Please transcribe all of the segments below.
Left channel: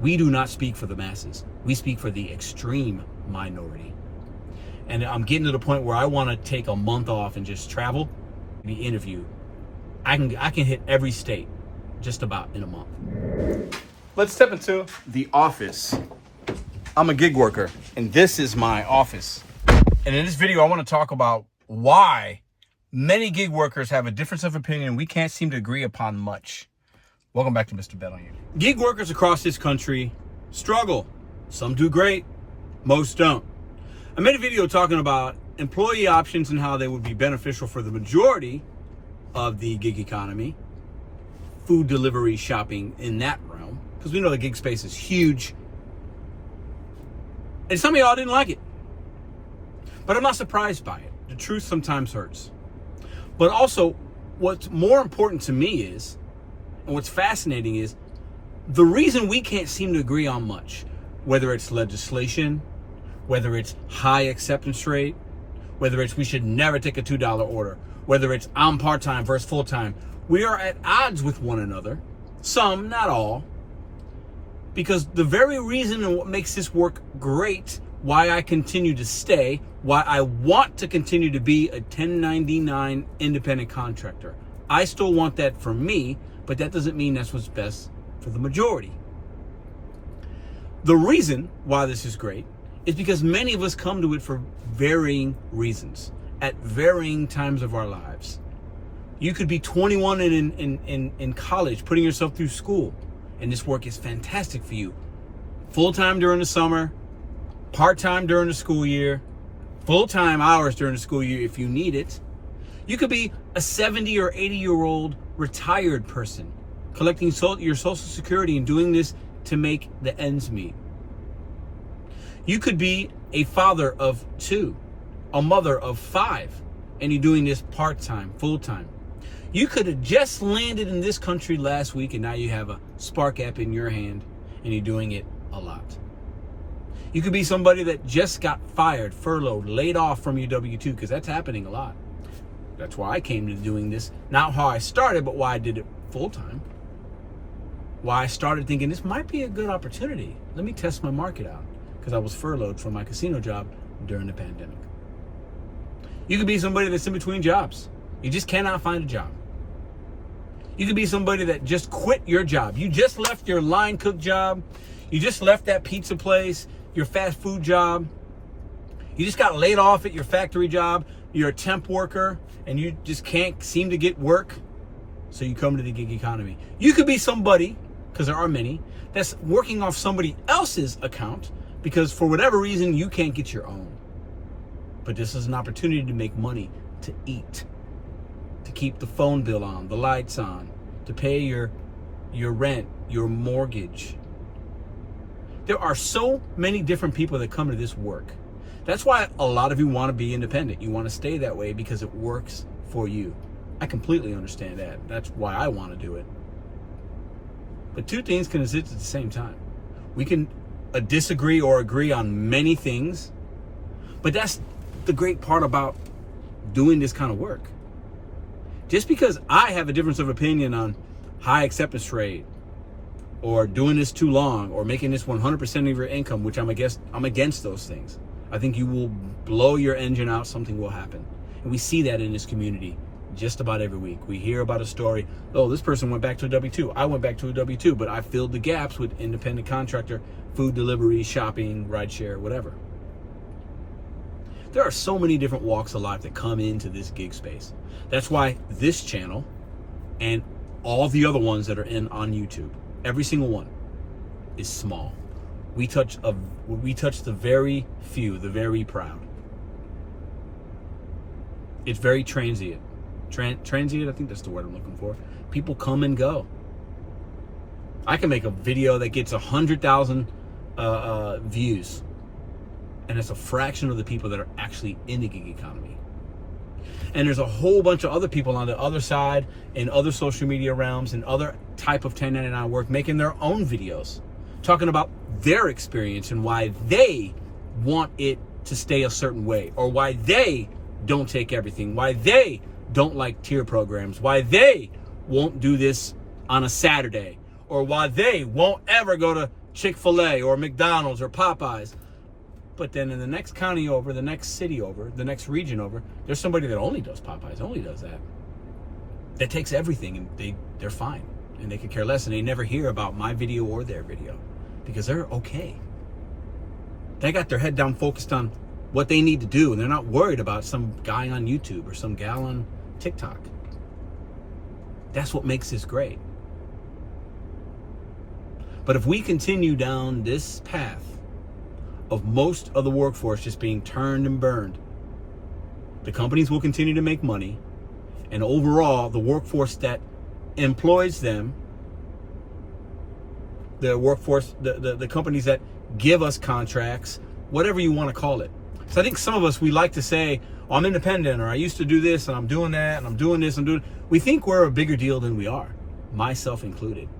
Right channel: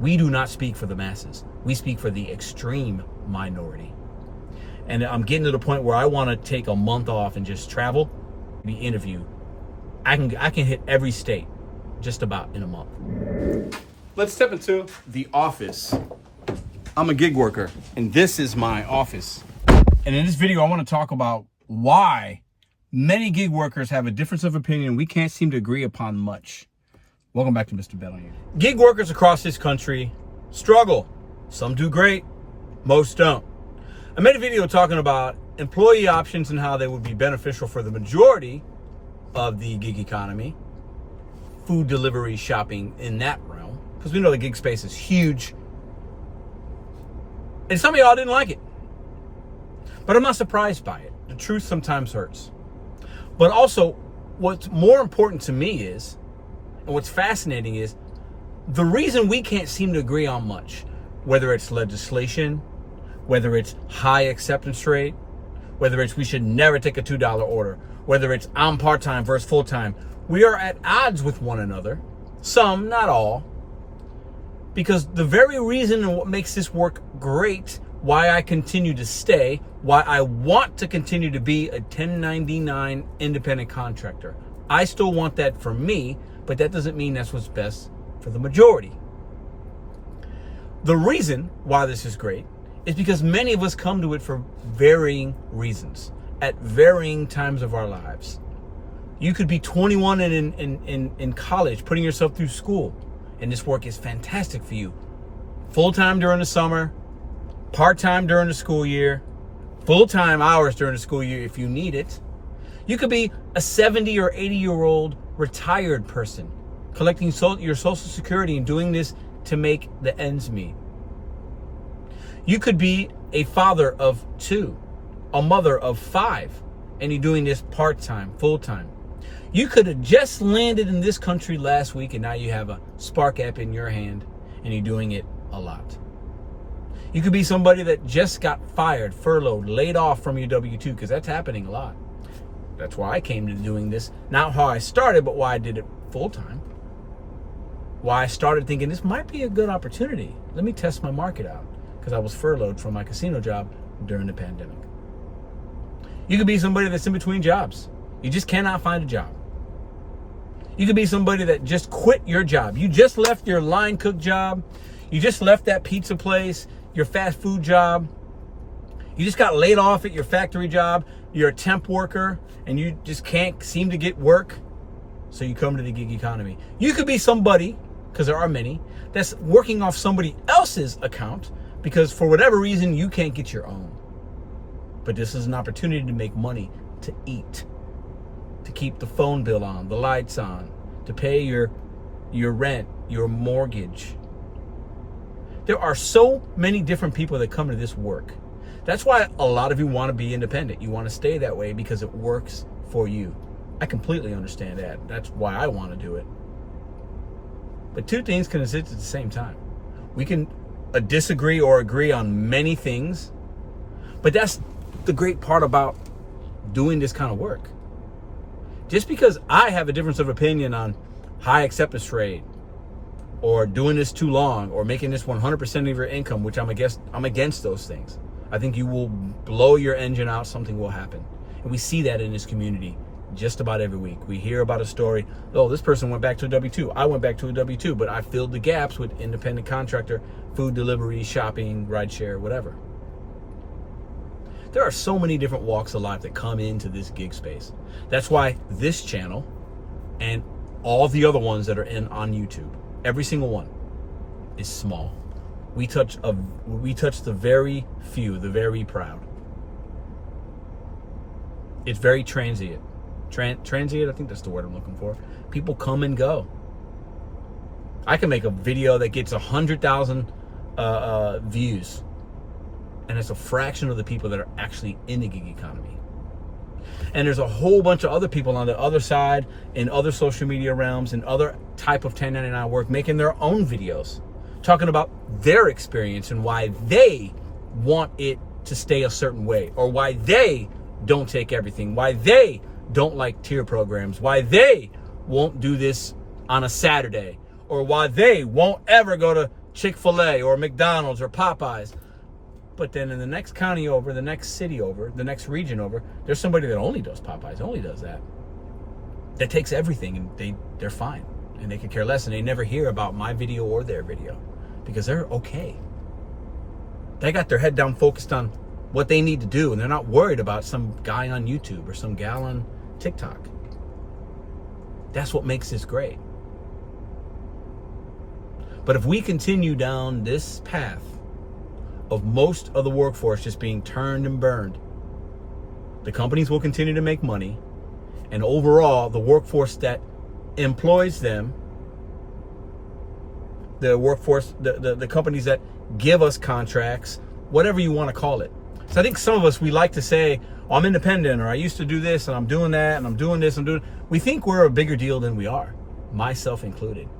We do not speak for the masses. We speak for the extreme minority. And I'm getting to the point where I want to take a month off and just travel, be interviewed. I can hit every state just about in a month. Let's step into the office. I'm a gig worker, and this is my office. And in this video, I want to talk about why many gig workers have a difference of opinion. We can't seem to agree upon much. Welcome back to Mr.BetonYou. Gig workers across this country struggle. Some do great, most don't. I made a video talking about employee options and how they would be beneficial for the majority of the gig economy, food delivery, shopping in that realm, because we know the gig space is huge. And some of y'all didn't like it. But I'm not surprised by it. The truth sometimes hurts. But also, what's more important to me is, and what's fascinating is, the reason we can't seem to agree on much, whether it's legislation, whether it's high acceptance rate, whether it's we should never take a $2 order, whether it's I'm part-time versus full-time, we are at odds with one another. Some, not all. Because the very reason and what makes this work great, why I continue to stay, why I want to continue to be a 1099 independent contractor. I still want that for me, but that doesn't mean that's what's best for the majority. The reason why this is great is because many of us come to it for varying reasons at varying times of our lives. You could be 21 and in college, putting yourself through school, and this work is fantastic for you. Full-time during the summer, part-time during the school year, full-time hours during the school year if you need it. You could be a 70 or 80-year-old retired person collecting your Social Security and doing this to make the ends meet. You could be a father of 2, a mother of 5, and you're doing this part-time, full-time. You could have just landed in this country last week and now you have a Spark app in your hand and you're doing it a lot. You could be somebody that just got fired, furloughed, laid off from your W-2, because that's happening a lot. That's why I came to doing this, not how I started, but why I did it full-time. Why I started thinking this might be a good opportunity. Let me test my market out, because I was furloughed from my casino job during the pandemic. You could be somebody that's in between jobs. You just cannot find a job. You could be somebody that just quit your job. You just left your line cook job. You just left that pizza place, your fast food job. You just got laid off at your factory job. You're a temp worker and you just can't seem to get work. So you come to the gig economy. You could be somebody, because there are many, that's working off somebody else's account because for whatever reason you can't get your own. But this is an opportunity to make money, to eat, to keep the phone bill on, the lights on, to pay your rent, your mortgage. There are so many different people that come to this work. That's why a lot of you want to be independent. You want to stay that way because it works for you. I completely understand that. That's why I want to do it. But two things can exist at the same time. We can disagree or agree on many things, but that's the great part about doing this kind of work. Just because I have a difference of opinion on high acceptance rate or doing this too long or making this 100% of your income, which I'm against those things. I think you will blow your engine out, something will happen. And we see that in this community just about every week. We hear about a story, oh, this person went back to a W-2. I went back to a W-2, but I filled the gaps with independent contractor, food delivery, shopping, rideshare, whatever. There are so many different walks of life that come into this gig space. That's why this channel and all the other ones that are on YouTube, every single one is small. We touch the very few, the very proud. It's very transient. Transient, I think that's the word I'm looking for. People come and go. I can make a video that gets 100,000 views, and it's a fraction of the people that are actually in the gig economy. And there's a whole bunch of other people on the other side in other social media realms and other type of 1099 work making their own videos, talking about their experience and why they want it to stay a certain way, or why they don't take everything, why they don't like tier programs, why they won't do this on a Saturday, or why they won't ever go to Chick-fil-A or McDonald's or Popeyes. But then in the next county over, the next city over, the next region over, there's somebody that only does Popeyes, only does that. That takes everything, and they're fine. And they could care less, and they never hear about my video or their video because they're okay. They got their head down focused on what they need to do, and they're not worried about some guy on YouTube or some gal on TikTok. That's what makes this great. But if we continue down this path of most of the workforce just being turned and burned, the companies will continue to make money, and overall, the workforce that employs them, the workforce, the companies that give us contracts, whatever you want to call it. So I think some of us, we like to say, oh, I'm independent, or I used to do this, and I'm doing that, and I'm doing this, we think we're a bigger deal than we are, myself included.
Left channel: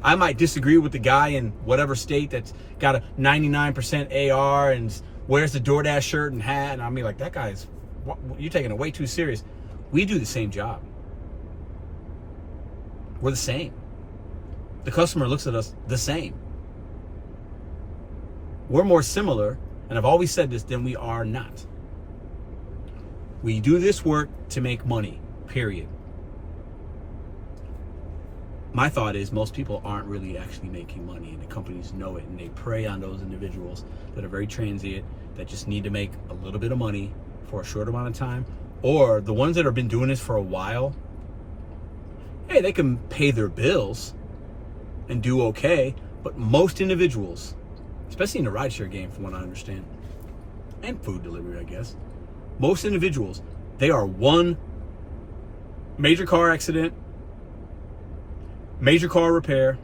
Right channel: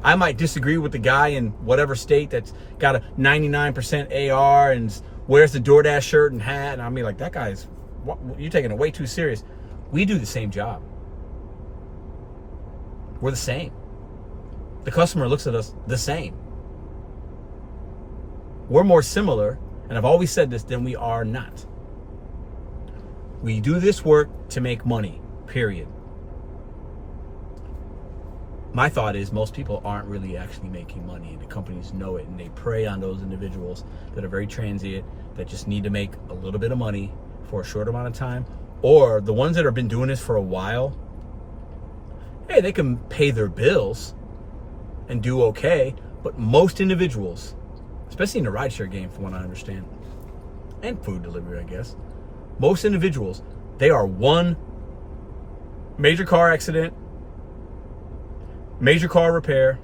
I might disagree with the guy in whatever state that's got a 99% AR and wears the DoorDash shirt and hat, and I'll be like, that guy's, you're taking it way too serious. We do the same job. We're the same. The customer looks at us the same. We're more similar, and I've always said this, than we are not. We do this work to make money, period. My thought is most people aren't really actually making money, and the companies know it, and they prey on those individuals that are very transient, that just need to make a little bit of money for a short amount of time, or the ones that have been doing this for a while. Hey, they can pay their bills and do okay, but most individuals, especially in the rideshare game from what I understand, and food delivery, I guess, most individuals, they are one major car accident, major car repair,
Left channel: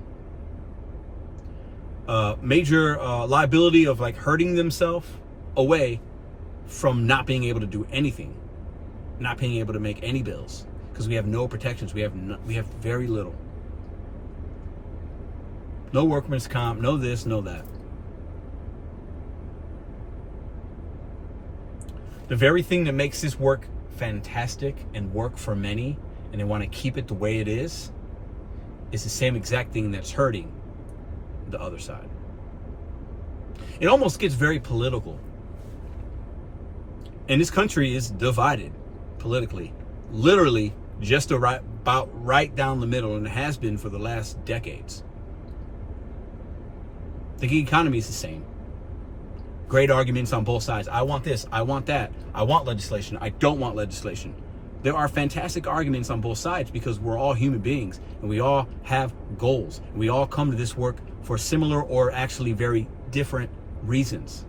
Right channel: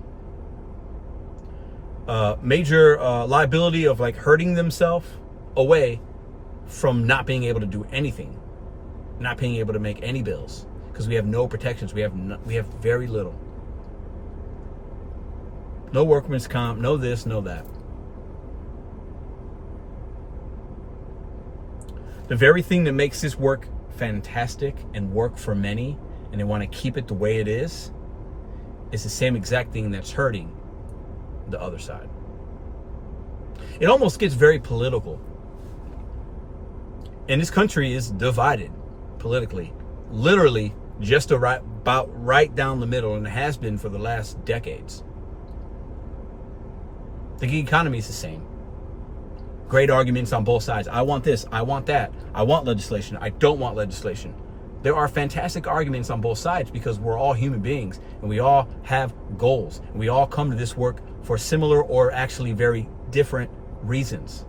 major liability of like hurting themselves away from not being able to do anything, not being able to make any bills, because we have no protections. We have very little. No workman's comp, no this, no that. The very thing that makes this work fantastic and work for many, and they want to keep it the way it is the same exact thing that's hurting the other side. It almost gets very political. And this country is divided politically, literally just about right down the middle, and it has been for the last decades. The gig economy is the same. Great arguments on both sides. I want this, I want that, I want legislation, I don't want legislation. There are fantastic arguments on both sides because we're all human beings and we all have goals. And we all come to this work for similar or actually very different reasons.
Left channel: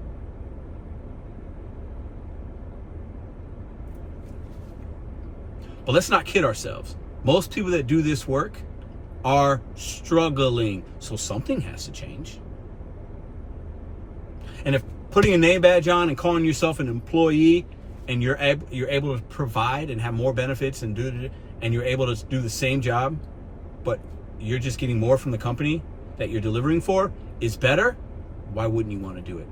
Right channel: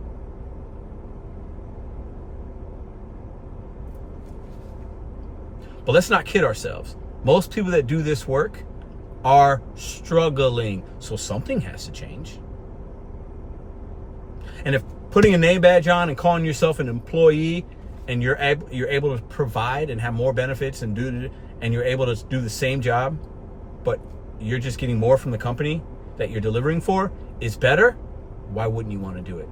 But let's not kid ourselves. Most people that do this work are struggling. So something has to change. And if putting a name badge on and calling yourself an employee, and you're able to provide and have more benefits and you're able to do the same job, but you're just getting more from the company that you're delivering for, is better, why wouldn't you want to do it?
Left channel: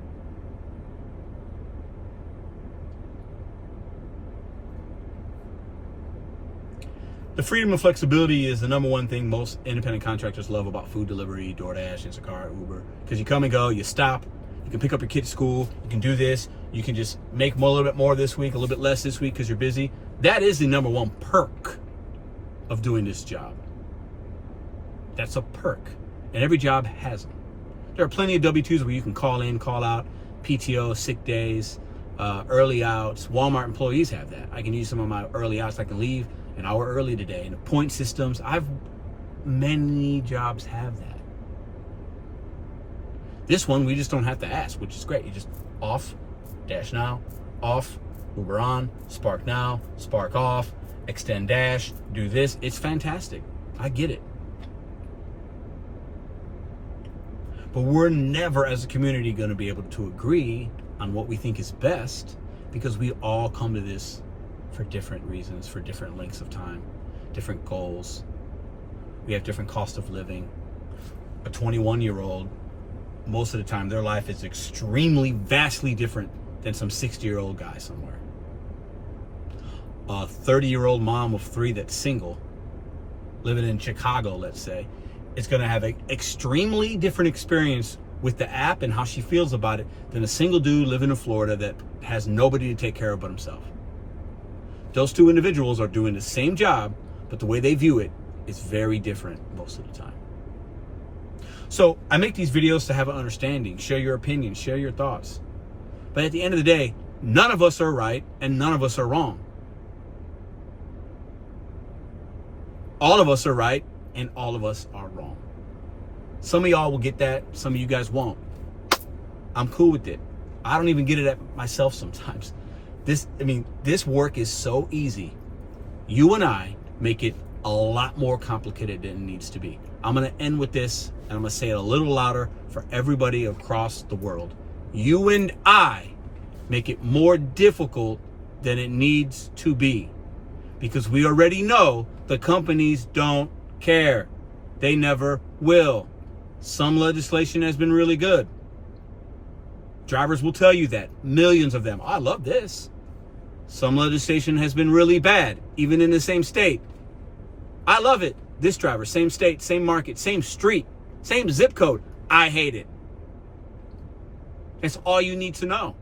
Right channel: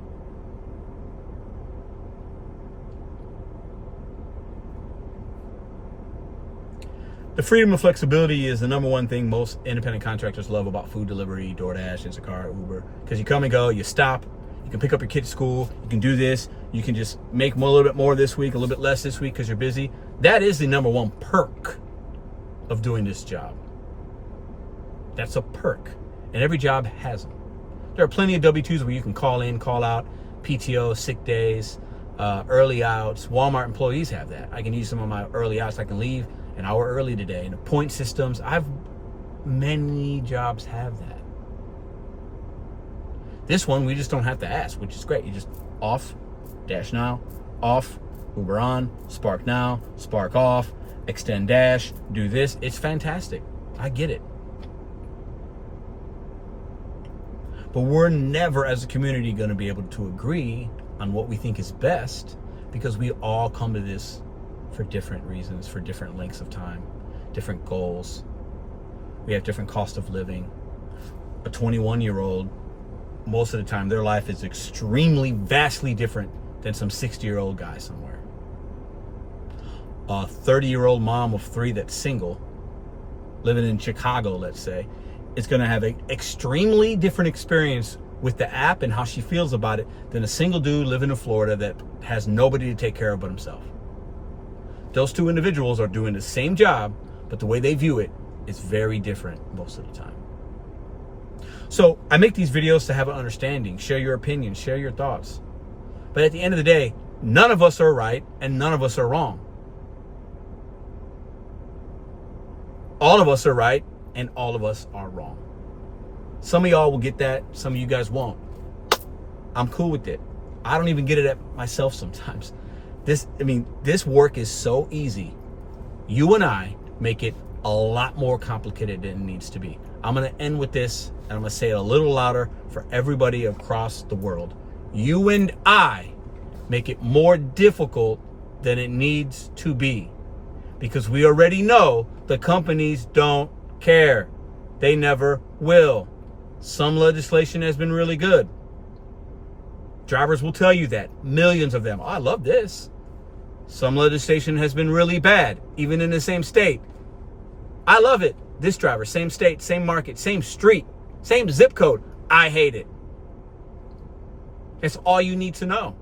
The freedom and flexibility is the number one thing most independent contractors love about food delivery, DoorDash, Instacart, Uber, because you come and go, you stop, you can pick up your kid at school, you can do this, you can just make a little bit more this week, a little bit less this week because you're busy. That is the number one perk of doing this job. That's a perk. And every job has them. There are plenty of W-2s where you can call in, call out, PTO, sick days, early outs. Walmart employees have that. I can use some of my early outs. I can leave an hour early today. And the point systems, many jobs have that. This one, we just don't have to ask, which is great. You just off, Dash now, off, Uber on, Spark now, Spark off, extend Dash, do this. It's fantastic. I get it. But we're never, as a community, going to be able to agree on what we think is best because we all come to this for different reasons, for different lengths of time, different goals. We have different cost of living. A 21-year-old, most of the time, their life is extremely, vastly different than some 60-year-old guy somewhere. A 30-year-old mom of 3 that's single, living in Chicago, let's say, is going to have an extremely different experience with the app and how she feels about it than a single dude living in Florida that has nobody to take care of but himself. Those two individuals are doing the same job, but the way they view it is very different most of the time. So I make these videos to have an understanding, share your opinions, share your thoughts. But at the end of the day, none of us are right and none of us are wrong. All of us are right and all of us are wrong. Some of y'all will get that, some of you guys won't. I'm cool with it. I don't even get it at myself sometimes. This work is so easy. You and I make it a lot more complicated than it needs to be. I'm going to end with this, and I'm going to say it a little louder for everybody across the world. You and I make it more difficult than it needs to be, because we already know the companies don't care. They never will. Some legislation has been really good. Drivers will tell you that. Millions of them. Oh, I love this. Some legislation has been really bad, even in the same state. I love it. This driver, same state, same market, same street, same zip code. I hate it. It's all you need to know.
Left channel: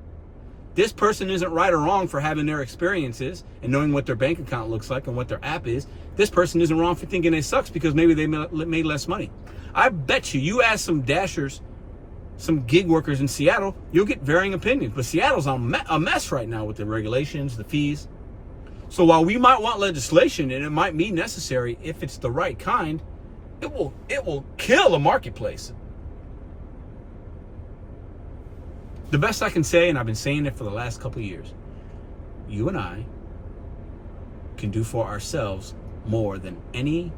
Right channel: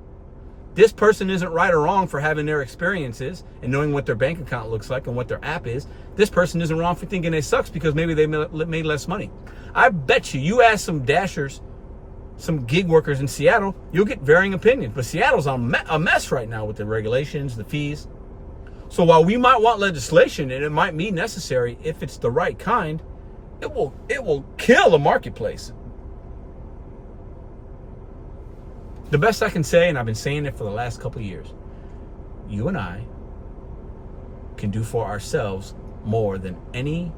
This person isn't right or wrong for having their experiences and knowing what their bank account looks like and what their app is. This person isn't wrong for thinking they sucks because maybe they made less money. I bet you ask some dashers, some gig workers in Seattle, you'll get varying opinions. But Seattle's a mess right now with the regulations, the fees. So while we might want legislation, and it might be necessary if it's the right kind, it will kill the marketplace. The best I can say, and I've been saying it for the last couple of years, you and I can do for ourselves more than any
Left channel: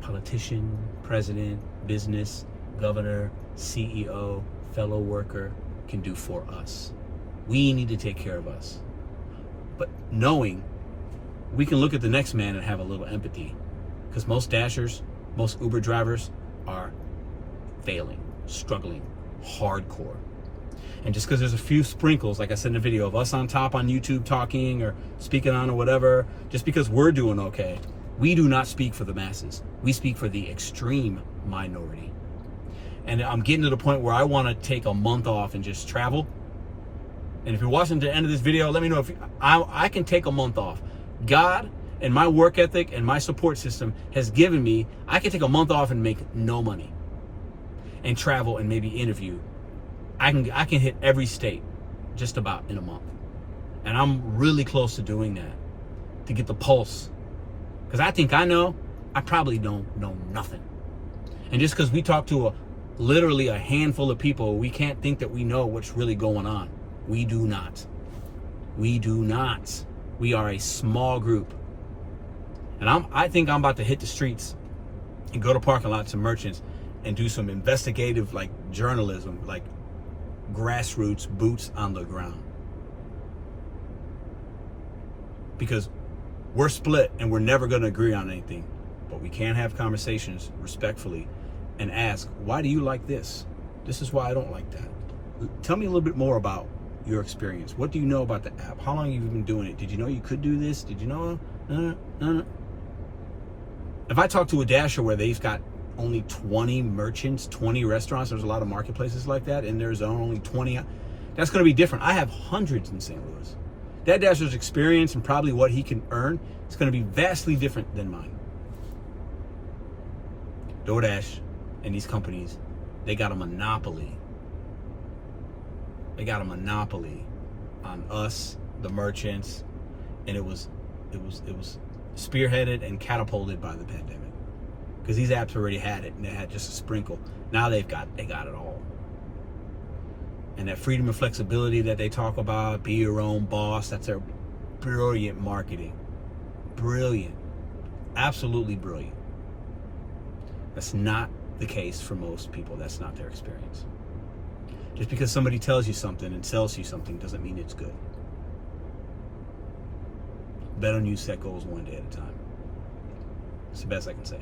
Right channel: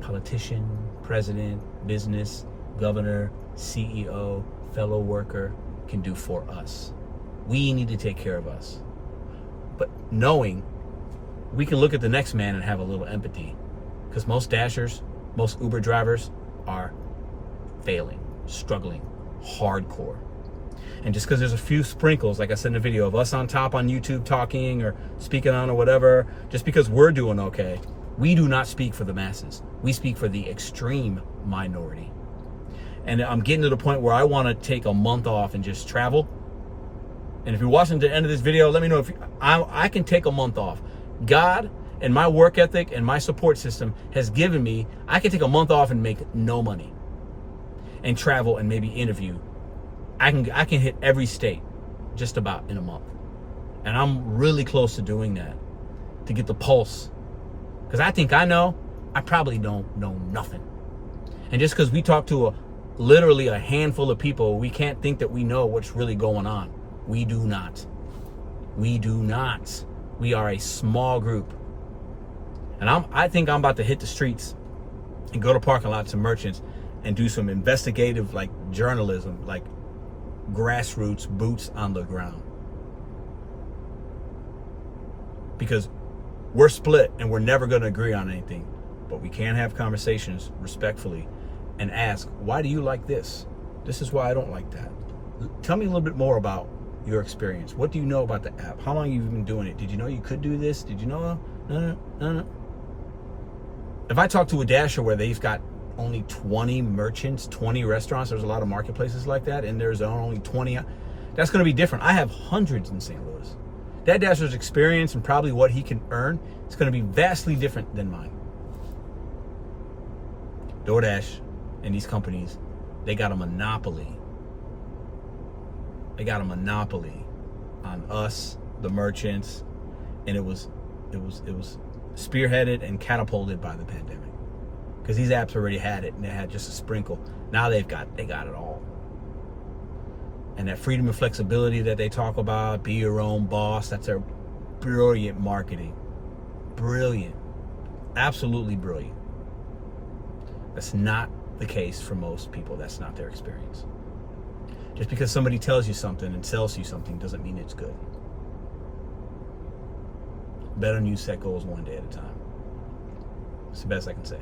politician, president, business, governor, CEO, fellow worker can do for us. We need to take care of us. But knowing we can look at the next man and have a little empathy, because most dashers, most Uber drivers are failing, struggling, hardcore. And just because there's a few sprinkles, like I said in the video, of us on top on YouTube talking or speaking on or whatever, just because we're doing okay, we do not speak for the masses. We speak for the extreme minority. And I'm getting to the point where I want to take a month off and just travel. And if you're watching to the end of this video, let me know if I can take a month off. God and my work ethic and my support system has given me, I can take a month off and make no money and travel and maybe interview. I can hit every state just about in a month. And I'm really close to doing that, to get the pulse. Because I think I know, I probably don't know nothing. And just because we talk to literally a handful of people, we can't think that we know what's really going on. We do not. We do not. We are a small group. And I think I'm about to hit the streets and go to parking lots and merchants and do some investigative like journalism, like grassroots, boots on the ground. Because we're split and we're never going to agree on anything. But we can have conversations respectfully and ask, why do you like this? This is why I don't like that. Tell me a little bit more about your experience. What do you know about the app? How long have you been doing it? Did you know you could do this? Did you know? No. If I talk to a dasher where they've got only 20 merchants, 20 restaurants, there's a lot of marketplaces like that, and there's only 20, that's going to be different. I have hundreds in St. Louis. That dasher's experience and probably what he can earn is going to be vastly different than mine. DoorDash and these companies, they got a monopoly. They got a monopoly on us, the merchants, and it was spearheaded and catapulted by the pandemic. Because these apps already had it, and they had just a sprinkle. Now they got it all. And that freedom and flexibility that they talk about, be your own boss, that's their brilliant marketing. Brilliant. Absolutely brilliant. That's not the case for most people. That's not their experience. Just because somebody tells you something and sells you something doesn't mean it's good. Bet on you, set goals one day at a time. It's the best I can say.